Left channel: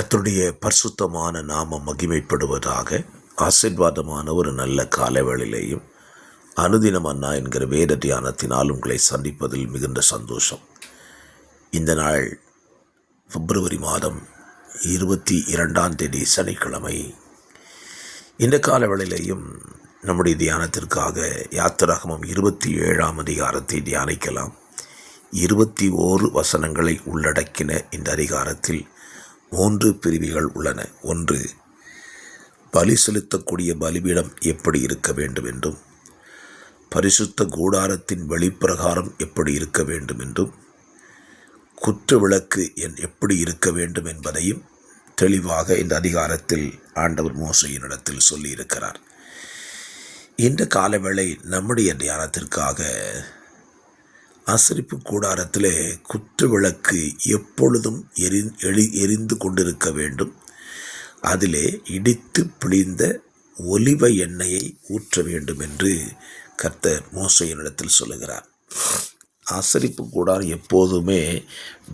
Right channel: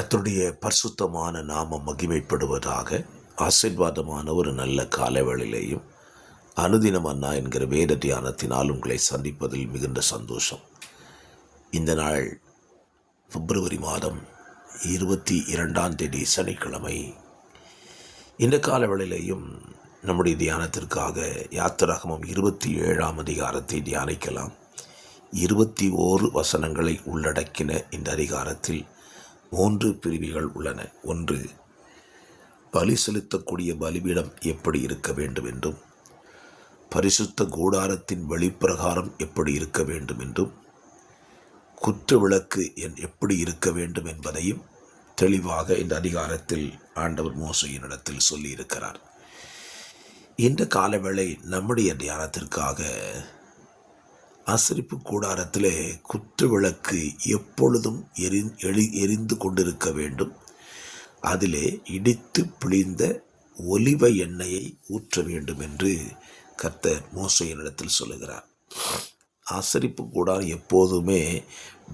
கர்த்தருடைய பரிசுத்தமான நாமம் மகிமைப்படுவதாக. ஆசீர்வாதமான ஒரு நல்ல காலைவேளையிலேயும் அனுதினம் அண்ணா என்கிற வேத தியானத்தினால் உங்களை சந்திப்பதில் மிகுந்த சந்தோஷம். இந்த நாள் பிப்ரவரி மாதம் 22 சனிக்கிழமை. இந்த காலவேளையிலேயும் நம்முடைய தியானத்திற்காக யாத்திராகமம் 27 அதிகாரத்தை தியானிக்கலாம். 21 வசனங்களை உள்ளடக்கின இந்த அதிகாரத்தில் 3 பிரிவுகள் உள்ளன. ஒன்று, பலி செலுத்தக்கூடிய பலிபீடம் எப்படி இருக்க வேண்டும் என்றும், பரிசுத்த கூடாரத்தின் வெளிப்பிரகாரம் எப்படி இருக்க வேண்டும் என்றும், குற்ற விளக்கு எப்படி இருக்க வேண்டும் என்பதையும் தெளிவாக இந்த அதிகாரத்தில் ஆண்டவர் மோசேயினிடத்தில் சொல்லியிருக்கிறார். இந்த காலவேளை நம்முடைய தியானத்திற்காக ஆசரிப்பு கூடாரத்திலே குற்ற விளக்கு எப்பொழுதும் எரிந்து கொண்டிருக்க வேண்டும். அதிலே இடித்து பிழிந்த ஒலிவ எண்ணெயை ஊற்ற வேண்டும் என்று கர்த்தர் மோசேயினிடத்தில் சொல்லுகிறார். ஆசரிப்பு கூடாரம் எப்போதுமே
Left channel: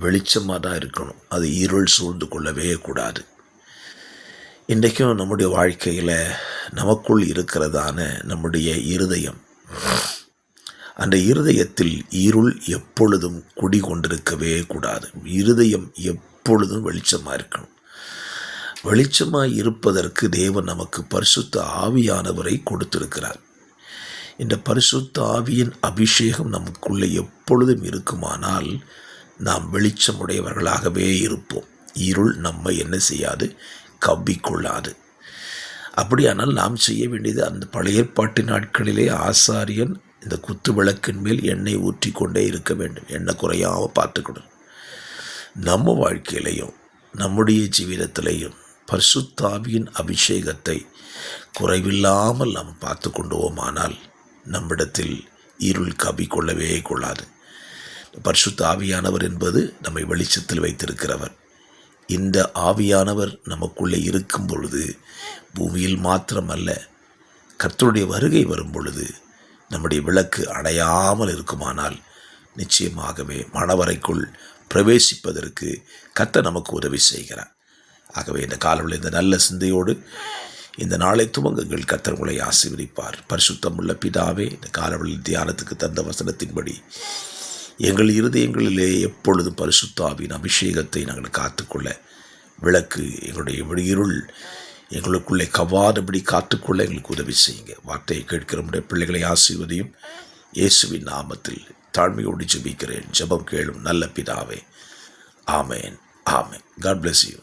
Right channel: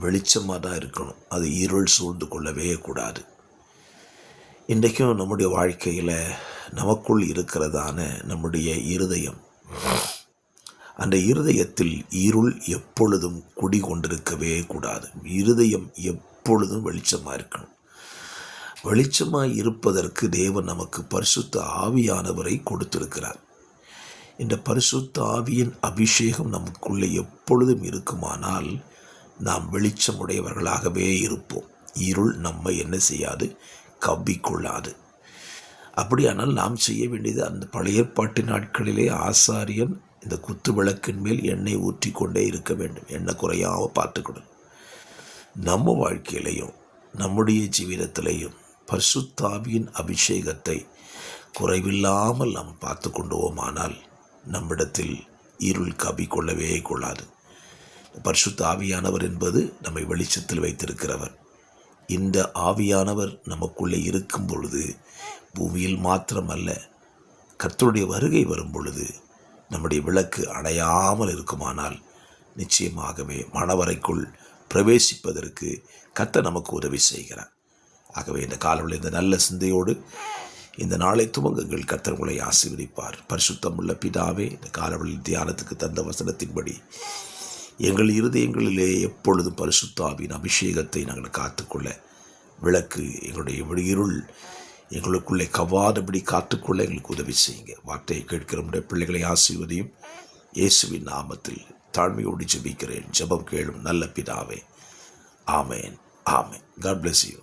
வெளிச்சமாக தான் இருக்கணும். அது இருள் சூழ்ந்து கொள்ளவே கூடாது. இன்றைக்கும் நம்முடைய வாழ்க்கையில் நமக்குள் இருக்கிறதான நம்முடைய இருதயம், அந்த இருதயத்தில் இருள் எப்பொழுதும் குடி கொண்டிருக்கவே கூடாது. இருதயம் எப்பொழுதும் வெளிச்சமாக இருக்கணும். வெளிச்சமாக இருப்பதற்கு தேவன் நமக்கு பரிசுத்த ஆவியானவரை கொடுத்திருக்கிறார். இந்த பரிசுத்த ஆவியின் அபிஷேகம் நமக்குள்ளே எப்பொழுதும் இருக்குமானால் நாம் வெளிச்சமுடையவர்களாகவே இருப்போம். இருள் நம்மை என்ன செய்யாது, கவ்விக்கொள்ளாது. அப்படியானால் நாம் செய்ய வேண்டியது, அந்த பழைய ஏற்பாட்டு நாட்களிலே ஆசாரியன் இந்த குத்து விளக்கின் மேல் எண்ணெய் ஊற்றி கொண்டே இருக்க வேண்டும். எண்ணெய் குறையாமல் பார்த்துக்கணும். நம்ம வாழ்க்கையிலையும் நம்முடைய ஜீவிதத்திலையும் பரிசுத்தாவியின் அபிஷேகத்தை குறைவில்லாமல் நாம் பார்த்து கொண்டுவோமானால் நம்மிடத்தில் இருள் கவ்விக்கொள்ளவே கொள்ளாது. பரிசுத்த ஆவியானவர் என்பது நம்மை வெளிச்சத்தில் வைத்திருக்கிறவர். இந்த ஆவியானவர் நமக்குள்ளே இருக்கும் பொழுது பூமியில் மாத்திரமல்ல, கர்த்தருடைய வருகை வரும் பொழுது நம்முடைய விளக்கு அணையாமல் இருக்குமானால் நிச்சயமாகவே மணவறைக்குள் பிரவேசிப்பதற்கு கர்த்தர் நமக்கு உதவி செய்கிறார். ஆகவே இந்த காலவில் இந்த நல்ல சிந்தையோடு இந்த நாளை துவங்குங்கள். கர்த்தர் உங்களை ஆசீர்வதிப்பார். பரிசுத்தமுள்ள பிதாவே, இந்த காலவெளியில் தியானத்துக்கு தந்த வசனத்தின்படி எங்கள் இருதயங்களிலே எப்பொழுதும் பரிசுத்தாவின் அபிஷேகத்தை நாங்கள் காத்துக்கொள்ள, விளக்கு எங்களுடைய இருள் எங்களுக்குள்ளே கவ்வாதபடி காத்துக்கொள்ள எங்களுக்கு உதவி செய்யுங்க. வார்த்தையை கேட்கிற நம்முடைய பிள்ளைகளை ஆசீர்வதியும். இயேசுவின் நாமத்தில் தாழ்மையோடு ஜெபிக்கிறேன். ஜெபம் கேளும் நல்ல பிதாவே. ஆமேன், ஆமேன். God bless you.